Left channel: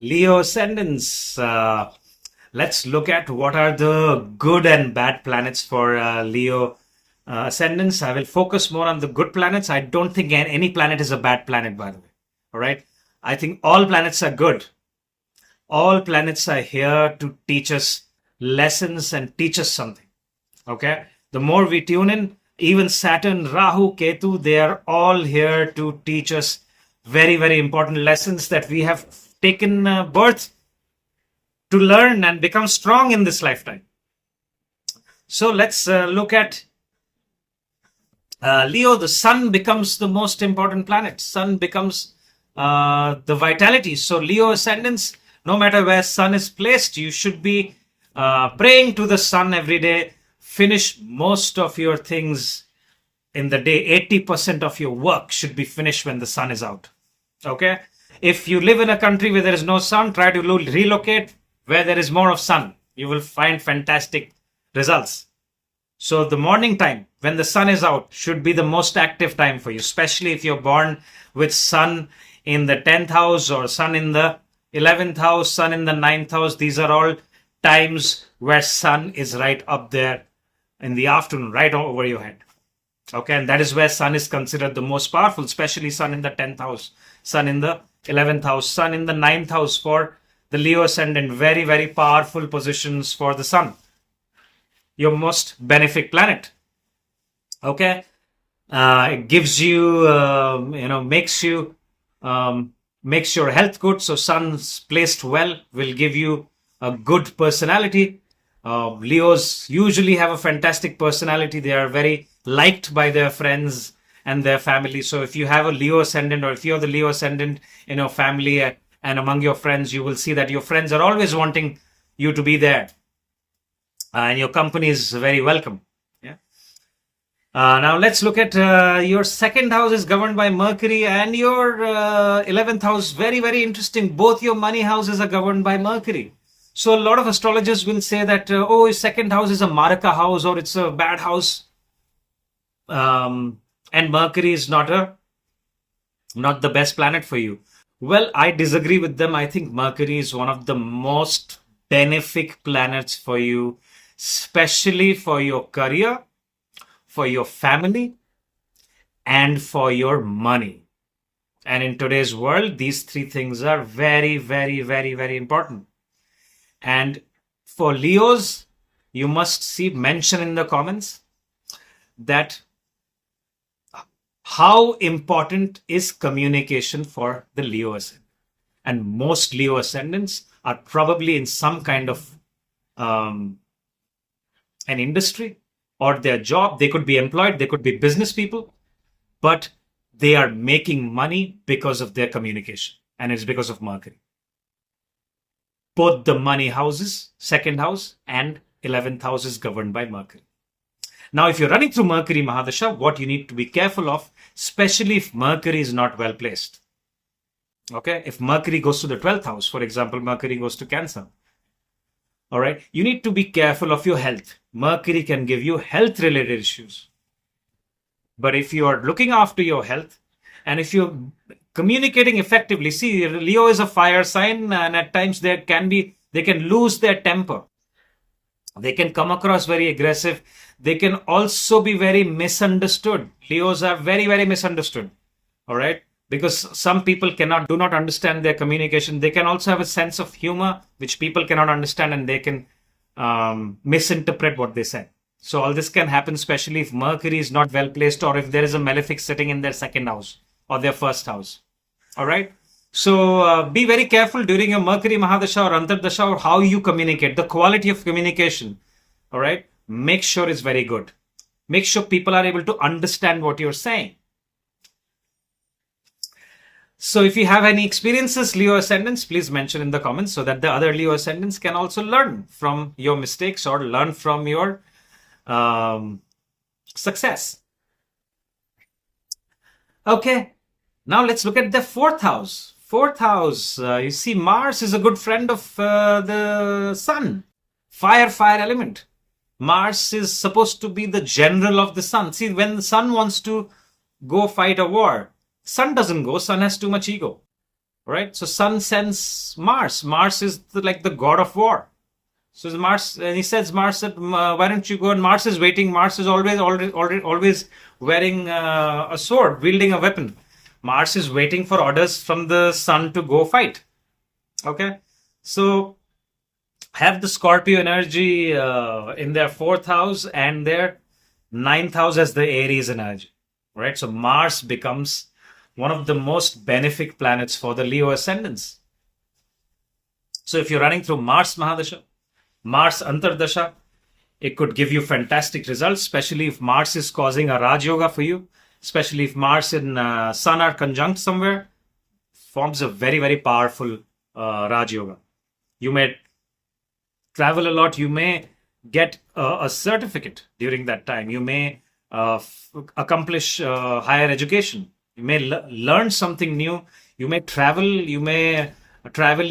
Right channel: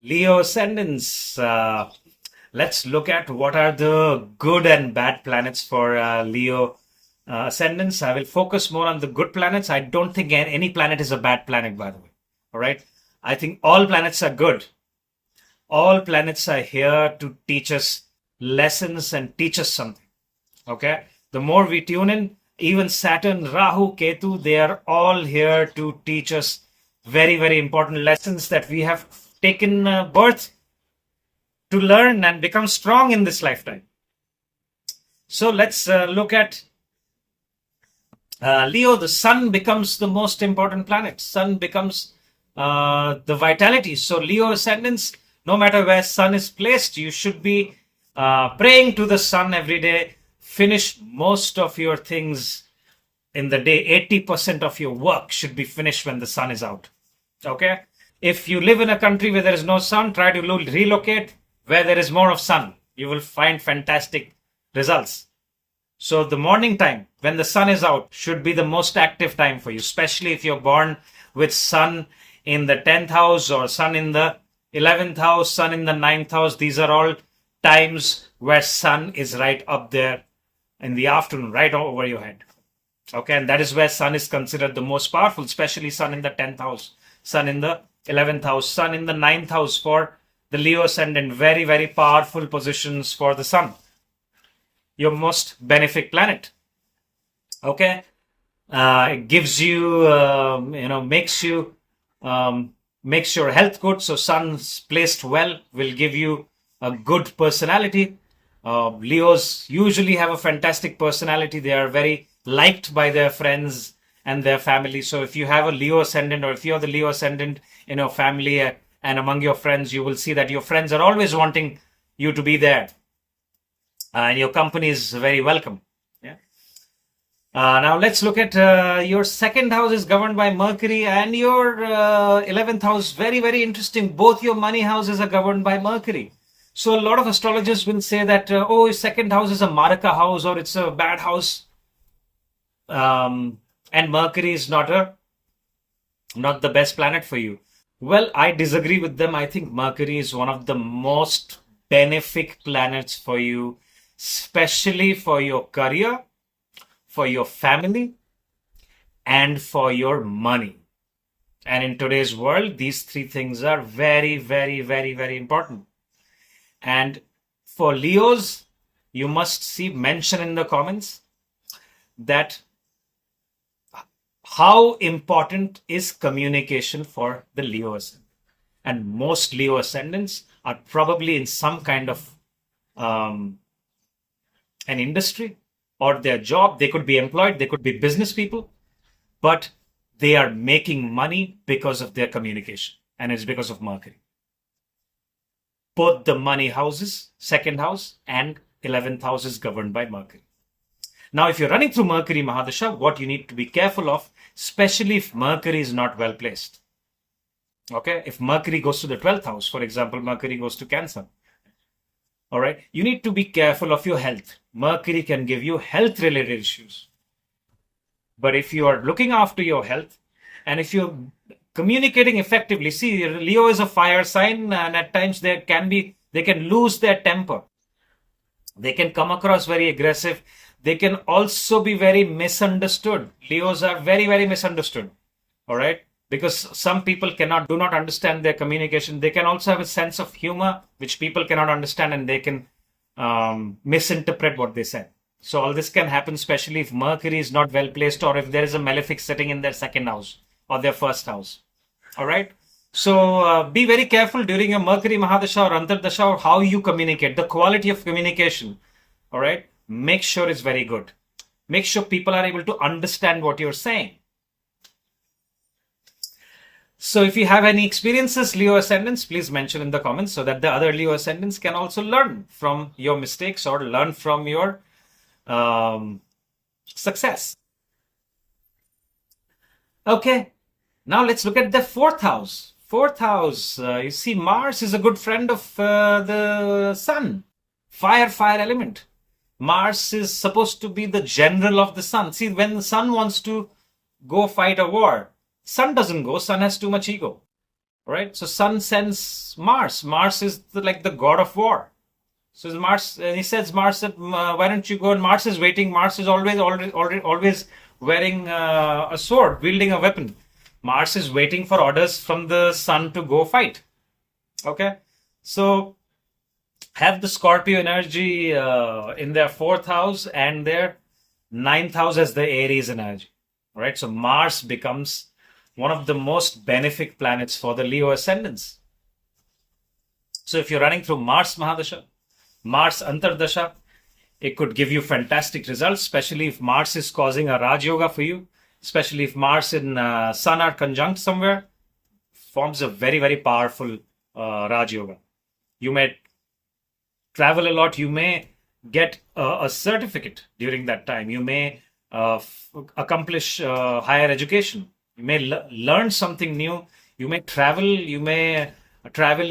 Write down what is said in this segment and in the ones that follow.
Leo ascendants. Let's look at what are the good and bad planets for Leo ascendants. I will focus more on the good planets. I don't think any planet is a bad planet, by the way. All right. I think all planets are good. All planets are here to teach us lessons and teach us something. Okay. The more we tune in, even Saturn, Rahu, Ketu, they are all here to teach us very, very important lessons that we have taken birth to learn and become strong in this lifetime. So let's look at Leo. The sun becomes the most important planet. Sun becomes the vitality. So Leo ascendants, no matter where sun is placed, you should be praying to the sun every day. Finish most of your things in the day. 80% of your work should be finished when the sun is out. Okay. If you live in a country where there is no sun, try to relocate where there is more of sun. You will find fantastic results. So the morning time when the sun is out should be the most active time for you, especially if you're born with sun in the 10th house or sun in the 11th house, sun in the 9th house. These are all times where sun is right up there in the afternoon, right over your head. Okay, and that is where sun is considered the most powerful, especially sun in the 10th house, sun in the 11th house, sun in the 9th house for the Leo ascendant. Very, very powerful positions for the sun. Your most benefic planet. Okay, it gives you, makes your health good. So sun's placed well will give you a good personality. Leos usually have a fantastic personality. They are very liked by their friends and their family. So if you have a Leo ascendant, or if you're the Leo ascendant in your family and among your friends, you will see that your friends are always wanting you to be there. And your company is very welcome. Yeah. Now let's look at your second house is governed by Mercury, and your 11th house. Very, very interesting. Both your money houses are governed by Mercury. So a lot of astrologers will say that, his second house is a Maraka house, or it's a bad house. And Mercury is not the best planet for you. Well, I disagree with them. I think Mercury is one of the most benefic planets for you, especially for your career, for your family, and for your money. And in today's world, these three things are very, very, very, very important. And for Leos, you must see mention in the comments that how important is communication for the Leo ascendant. And most Leo ascendants are probably in some kind of an industry or their job. They could be employed, they could be business people, but they are making money because of their communication, and it's because of Mercury. Both the money houses, second house and 11th house is governed by Mercury. Now, if you're running through Mercury Mahadasha, what you need to be careful of, especially if Mercury is not well placed. Okay, if Mercury goes to the 12th house, for example, Mercury goes to Cancer. All right, you need to be careful of your health. Mercury can give you health related issues. But if you are looking after your health, and if you're communicating effectively, see, Leo is a fire sign, and at times they can lose their temper. They can come across very aggressive. They can also be very misunderstood. Leos are very, very misunderstood. All right. Because some people do not understand their communication. They can also have a sense of humor, which people cannot understand, and they can misinterpret what they say. So all this can happen, especially if Mercury is not well placed, or if there is a malefic sitting in their second house or their first house. All right. So be very careful during your Mercury Mahadasha or Antardasha, or how you communicate, the quality of communication. All right. Make sure it's very good. Make sure people are able to understand what you're saying. So if you have any experiences, Leo ascendants, please mention in the comments so that the other Leo ascendants can also learn from your mistakes or learn from your success. Okay, now let's look at the fourth house. Fourth house, you see, Mars is a good friend of the sun. Fire element. Mars is supposed to be the general of the sun. See, when the sun wants to go fight a war, sun doesn't go. Sun has too much ego. right? So sun sends Mars. Mars is like the god of war. So Mars, and he says, Mars, why don't you go? And Mars is waiting. Mars is always wearing a sword, wielding a weapon. Mars is waiting for orders from the sun to go fight. Okay, so have the Scorpio energy in their fourth house and their ninth house as the Aries energy, right? So Mars becomes one of the most benefic planets for the Leo ascendants. So if you're running through Mars Mahadasha, Mars Antardasha, it could give you fantastic results, especially if Mars is causing a Raj Yoga for you, especially if Mars and Sun are conjunct somewhere, forms a very, very powerful Raj Yoga. You may travel a lot, you may get a certificate during that time, you may accomplish higher education, you may learn something new, you may travel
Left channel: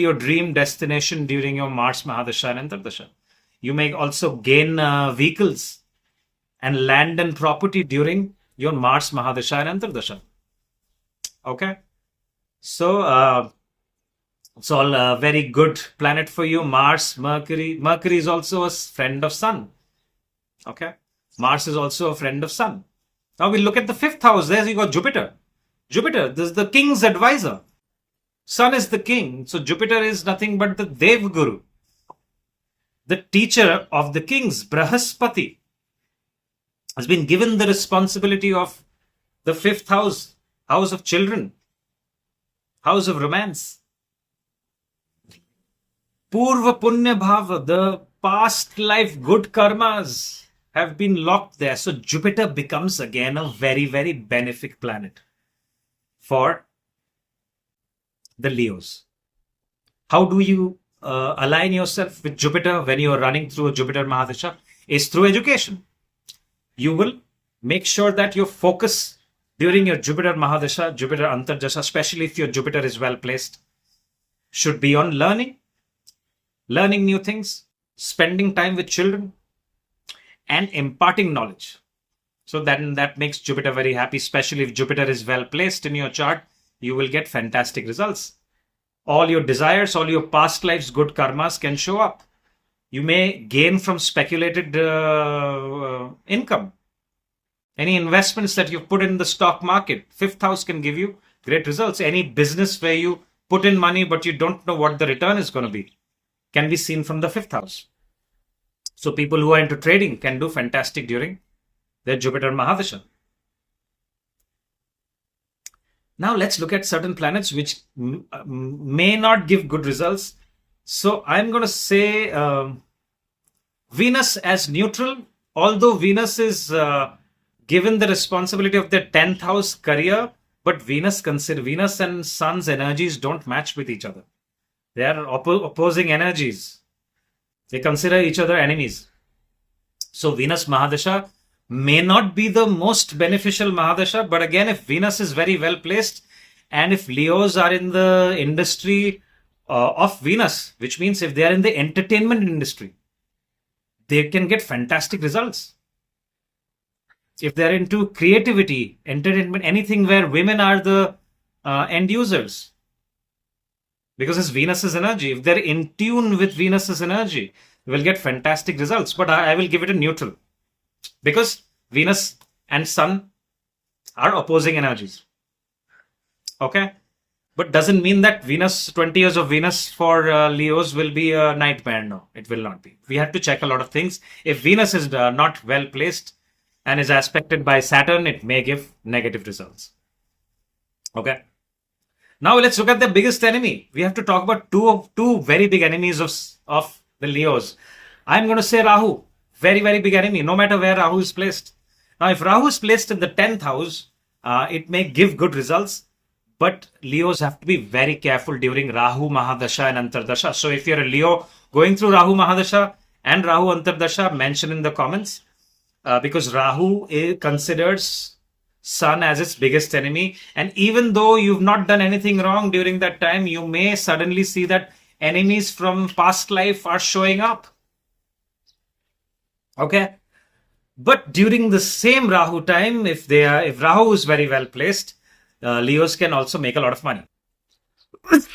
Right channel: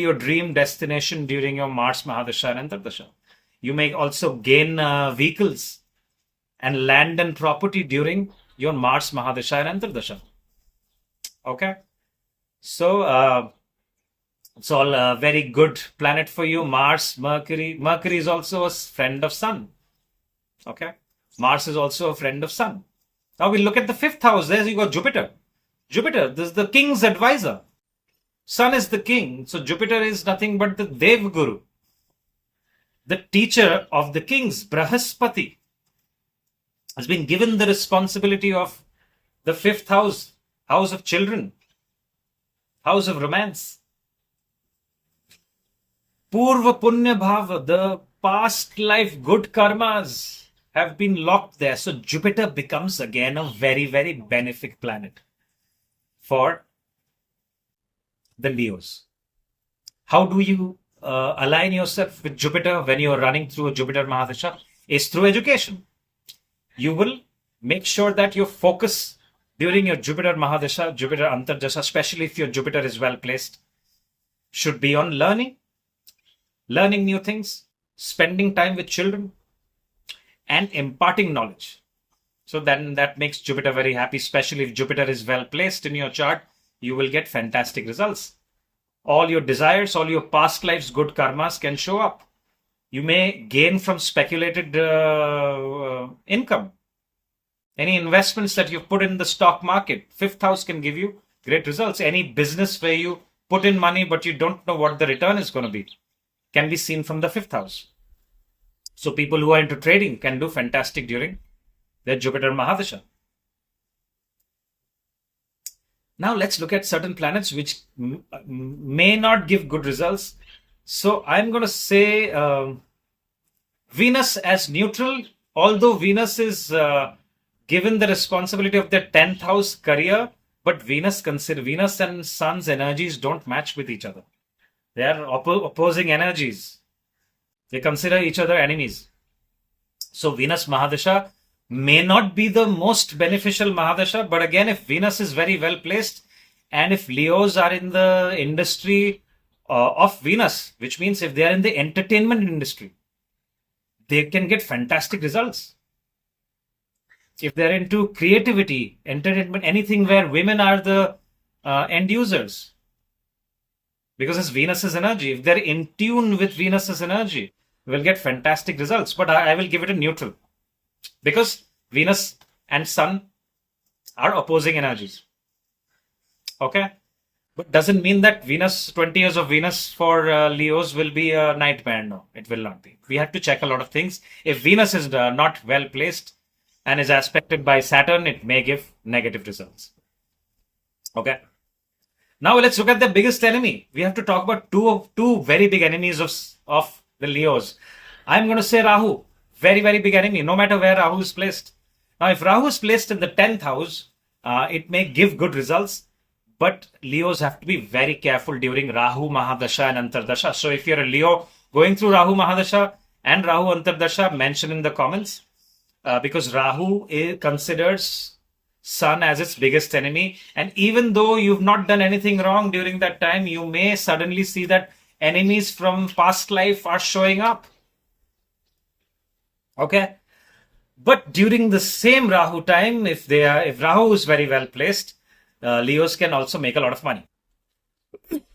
your dream destination during your Mars Mahadasha and Antardasha. You may also gain vehicles and land and property during your Mars Mahadasha and Antardasha. Okay, so it's all a very good planet for you. Mars, Mercury. Mercury is also a friend of Sun. Okay, Mars is also a friend of Sun. Now we look at the fifth house. There you go, Jupiter. Jupiter, this is the king's advisor. Sun is the king, so Jupiter is nothing but the Dev Guru, the teacher of the kings. Brahaspati has been given the responsibility of the fifth house, house of children, house of romance. Purva Punya Bhava, the past life good karmas have been locked there. So Jupiter becomes again a very, very benefic planet for the Leos. How do you align yourself with Jupiter when you are running through a Jupiter Mahadasha? Is through education. You will make sure that your focus during your Jupiter Mahadasha, Jupiter Antardasha, especially if your Jupiter is well placed, should be on learning new things, spending time with children, and imparting knowledge. So then that makes Jupiter very happy, especially if Jupiter is well placed in your chart. You will get fantastic results. All your desires, all your past lives, good karmas can show up. You may gain from speculated income. Any investments that you've put in the stock market, fifth house can give you great results. Any business where you put in money but you don't know what the return is going to be can be seen from the fifth house. So people who are into trading can do fantastic during their Jupiter Mahadasha. Now let's look at certain planets which may not give good results. So I'm going to say Venus as neutral, although Venus is given the responsibility of their 10th house career, but Venus and Sun's energies don't match with each other. They are opposing energies. They consider each other enemies. So Venus Mahadasha may not be the most beneficial Mahadasha, but again, if Venus is very well placed and if Leos are in the industry of Venus, which means if they are in the entertainment industry, they can get fantastic results. If they're into creativity, entertainment, anything where women are the end users, because it's Venus's energy. If they're in tune with Venus's energy, they will get fantastic results. But I will give it a neutral, because Venus and Sun are opposing energies. Okay? But doesn't mean that 20 years of Venus for Leos will be a nightmare. No, it will not be. We have to check a lot of things. If Venus is not well placed and is aspected by Saturn, it may give negative results. Okay? Now let's look at the biggest enemy. We have to talk about two very big enemies of the Leos. I'm going to say Rahu. Very, very big enemy, no matter where Rahu is placed. Now, if Rahu is placed in the 10th house, it may give good results, but Leos have to be very careful during Rahu Mahadasha and Antardasha. So if you're a Leo going through Rahu Mahadasha and Rahu Antardasha, mention in the comments, because Rahu considers Sun as its biggest enemy. And even though you've not done anything wrong during that time, you may suddenly see that enemies from past life are showing up. Okay, but during the same Rahu time, if Rahu is very well placed, Leos can also make a lot of money.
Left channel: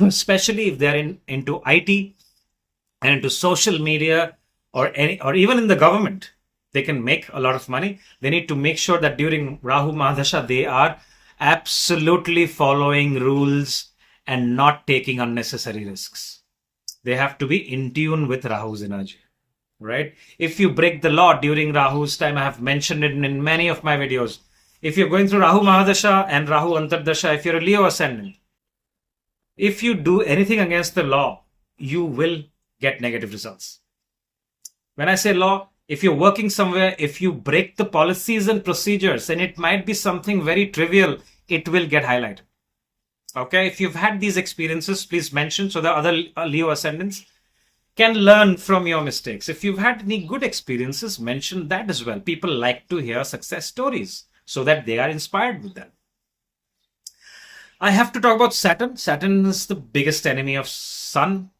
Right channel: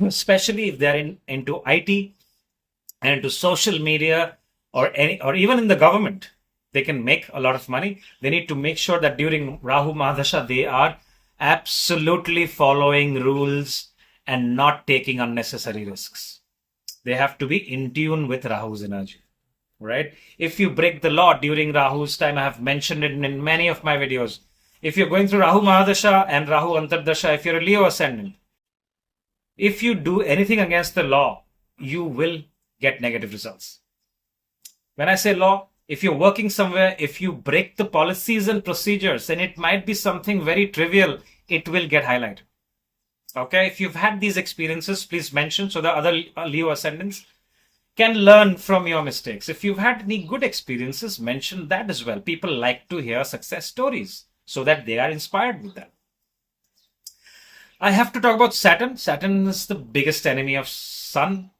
especially if they're into IT and into social media or even in the government. They can make a lot of money. They need to make sure that during Rahu Mahadasha they are absolutely following rules and not taking unnecessary risks. They have to be in tune with Rahu's energy, right? If you break the law during Rahu's time, I have mentioned it in many of my videos. If you're going through Rahu Mahadasha and Rahu Antardasha, if you're a Leo Ascendant, if you do anything against the law, you will get negative results. When I say law, if you're working somewhere, if you break the policies and procedures, and it might be something very trivial, it will get highlighted. Okay, if you've had these experiences, please mention so the other Leo Ascendants can learn from your mistakes. If you've had any good experiences, mention that as well. People like to hear success stories so that they are inspired with them. I have to talk about Saturn. Saturn is the biggest enemy of Sun.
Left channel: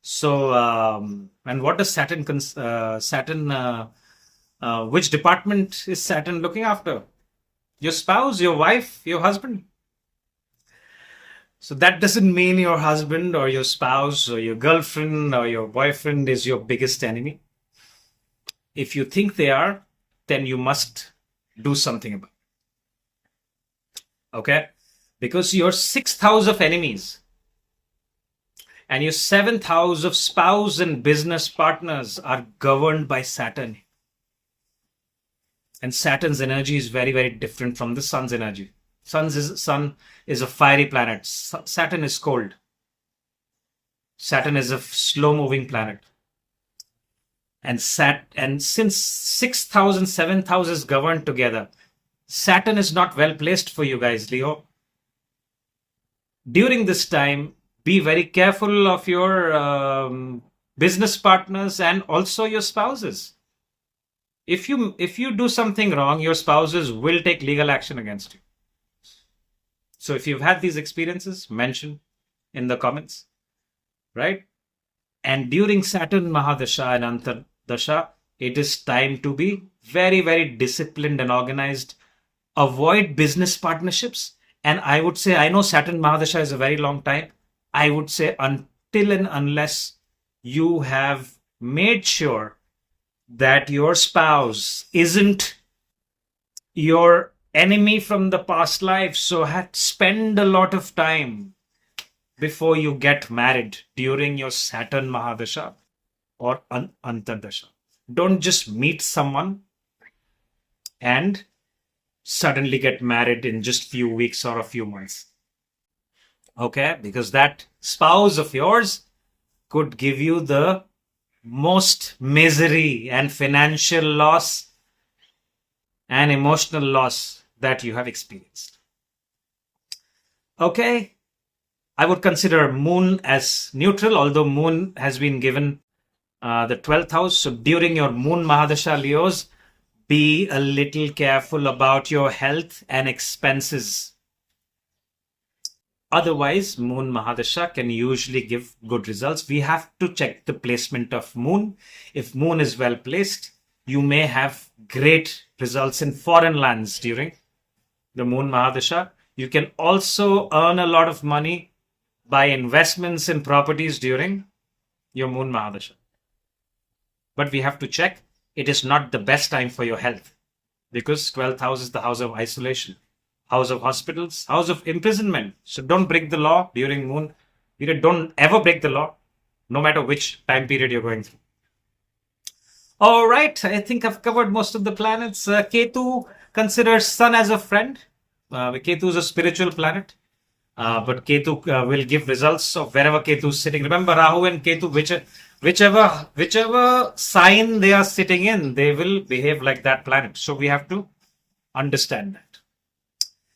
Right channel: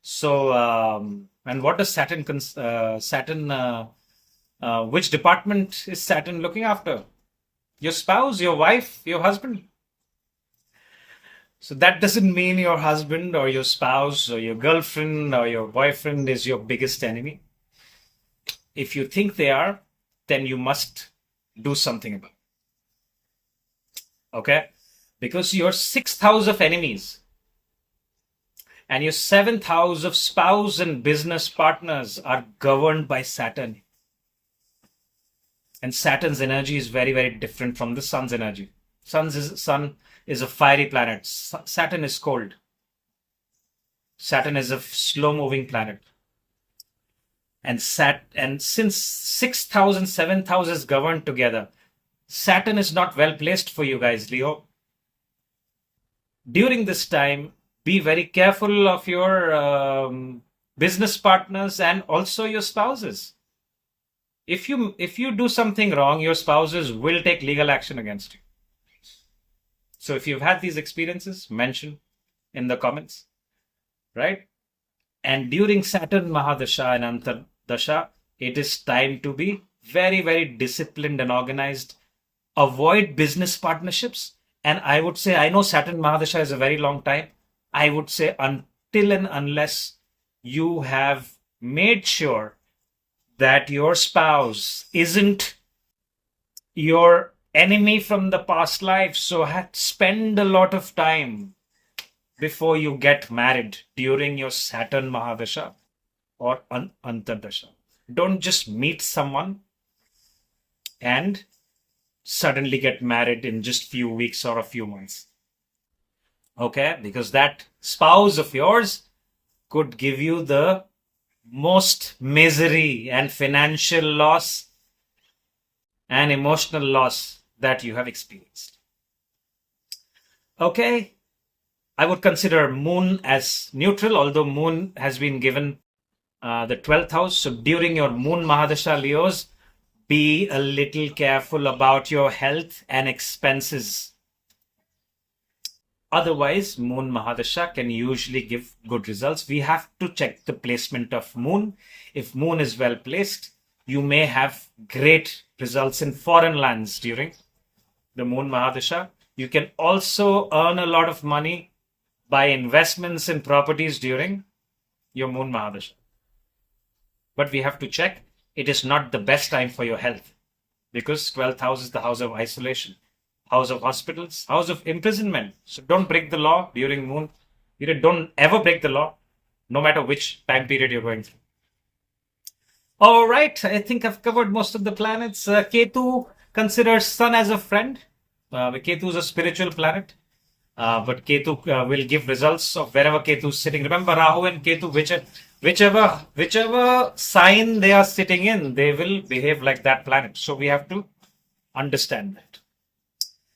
So, and what does Saturn, which department is Saturn looking after? Your spouse, your wife, your husband. So that doesn't mean your husband or your spouse or your girlfriend or your boyfriend is your biggest enemy. If you think they are, then you must do something about it. Okay? Because your 6th house of enemies and your 7th house of spouse and business partners are governed by Saturn. And Saturn's energy is very, very different from the Sun's energy. Sun is a fiery planet. Saturn is cold. Saturn is a slow-moving planet. And since 6th house and 7th house is governed together, Saturn is not well placed for you guys, Leo. During this time, be very careful of your business partners and also your spouses. If you do something wrong, your spouses will take legal action against you. So if you've had these experiences, mention in the comments, right? And during Saturn Mahadasha and Antardasha, it is time to be very, very disciplined and organized. Avoid business partnerships. And I would say, I know Saturn Mahadasha is a very long time. I would say until and unless you have made sure that your spouse isn't your enemy from the past life, so spend a lot of time before you get married during your Saturn Mahadasha or Antardasha. Don't just meet someone and suddenly get married in just few weeks or a few months. Okay, because that spouse of yours could give you the most misery and financial loss and emotional loss that you have experienced. Okay, I would consider Moon as neutral, although Moon has been given the 12th house. So during your Moon Mahadasha, Leos, be a little careful about your health and expenses. Otherwise, Moon Mahadasha can usually give good results. We have to check the placement of Moon. If Moon is well placed, you may have great results in foreign lands during the Moon Mahadasha. You can also earn a lot of money by investments in properties during your Moon Mahadasha. But we have to check. It is not the best time for your health because 12th house is the house of isolation, house of hospitals, house of imprisonment. So don't break the law during Moon. Don't ever break the law, no matter which time period you're going through. All right, I think I've covered most of the planets. Ketu considers Sun as a friend. Ketu is a spiritual planet. But Ketu will give results of wherever Ketu is sitting. Remember, Rahu and Ketu, whichever sign they are sitting in, they will behave like that planet. So we have to understand that.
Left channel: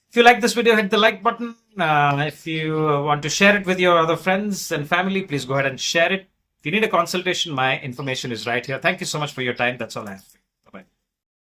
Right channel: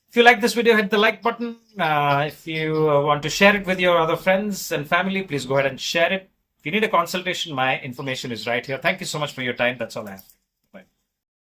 If you like this video, hit the like button. If you want to share it with your other friends and family, please go ahead and share it. If you need a consultation, my information is right here. Thank you so much for your time. That's all I have.